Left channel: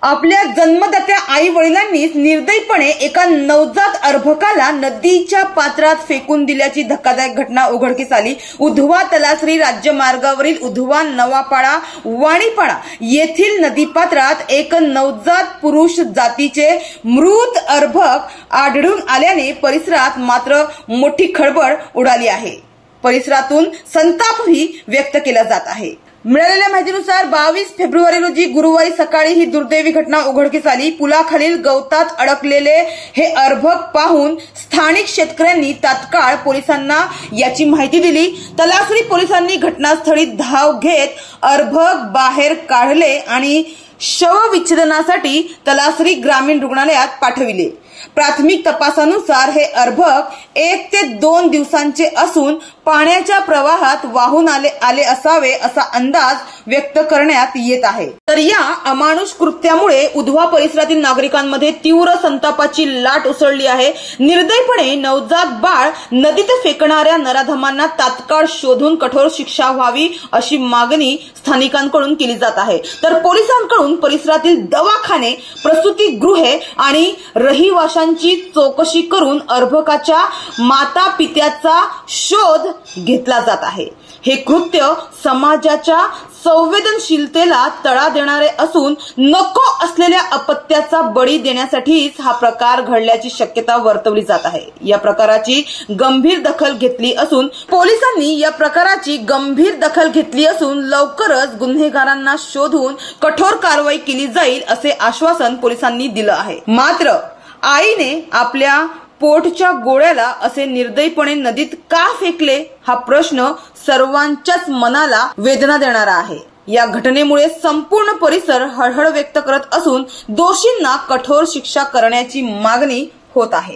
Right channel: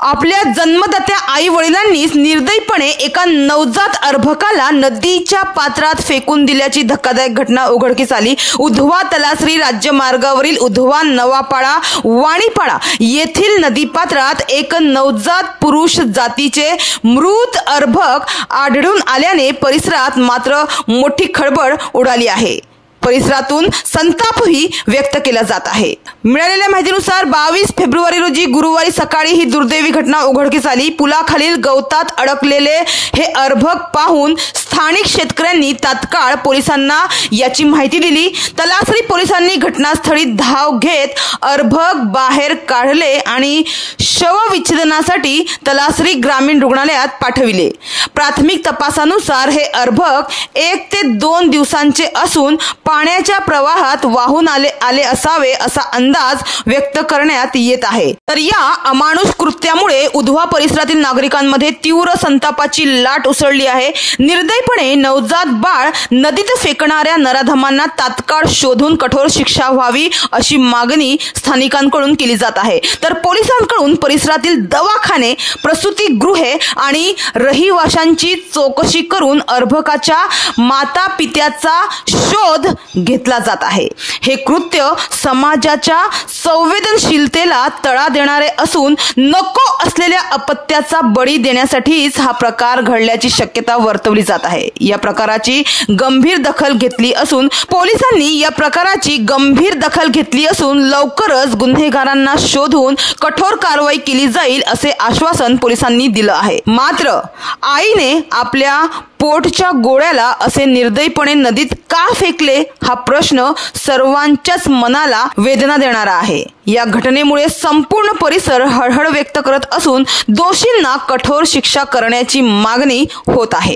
आपल्या जन्मदात्या आई वडिलांनीच निर्दयीपणे एका नवजात अर्भकाला नदीच्या पात्रात फेकून दिल्याची धक्कादायक घटना उघडकीस आली। उधवा तलासरी राज्य मार्गावरील उधवा नवापाडा वाणीपाडा येथील नदीपात्रात एक नवजात पुरुष जातीचे मृत अर्भक आढळून आल्याने परिसरात मात्र मोठी खळबळ उडाली आहे। परिसरातून संतापही व्यक्त केला जात आहे। मिळालेल्या माहितीनुसार 22 फेब्रुवारी रोजी गुरुवारी सकाळी ही दुर्दैवी घटना उघडकीस आली। पुलाखालील गवतात अडकलेले हे अर्भक पाहून स्थानिक शेतकऱ्यांनी तात्काळ पोलिसांना याची माहिती दिली। तलासरी पोलिसांनी घटनास्थळी धाव घेत अर्भक बाहेर काढले आणि शवविच्छेदनासाठी तलासरी ग्रामीण रुग्णालयात पाठविले। प्राथमिक तपासानुसार हे अर्भक 1 ते 2 दिवसांचे असून पाण्याच्या प्रवाहात वाहून आले असावे असा अंदाज व्यक्त करण्यात येत आहे। तर या अमानुष कृत्यामुळे उधवा परिसरातील नागरिकांमध्ये तीव्र संतापाची लाट उसळली आहे। निर्दयीपणे नवजात बाळ नदीत फेकणाऱ्या नराधमांना तात्काळ शोधून कठोर शिक्षा व्हावी अशी मागणी स्थानिकांकडून केली जात आहे। तर पोलिसांकडून परिसरातील दवाखाने, प्रसूतीगृहे आणि रहिवाशांची चौकशी करून अर्भकाच्या माता पित्याचा शोध घेतला जात आहे। हे कृत्य समाजाच्या संवेदनशीलतेला तडा देणारे असून नको असलेल्या अपत्याचा बळी देण्यासाठीच हा प्रकार घडल्याची शक्यता वर्तवली जात आहे। या प्रकाराची गंभीर दखल घेतली असून पोलिसांनी लवकरच गुन्हेगारांना शोधून कठोर कारवाई केली जाईल असे आश्वासन पोलिसांनी दिलं आहे। मात्र आईने आपल्या पोटच्या गोळ्याला असे निर्दयीपणे नदीत का फेकले हा प्रश्न सर्वांच्याच मनाला वेदना देणारा आहे। या घटनेमुळे संपूर्ण परिसर हळहळ व्यक्त करत असून दोषींना कठोर शिक्षा करण्याची मागणी होत आहे।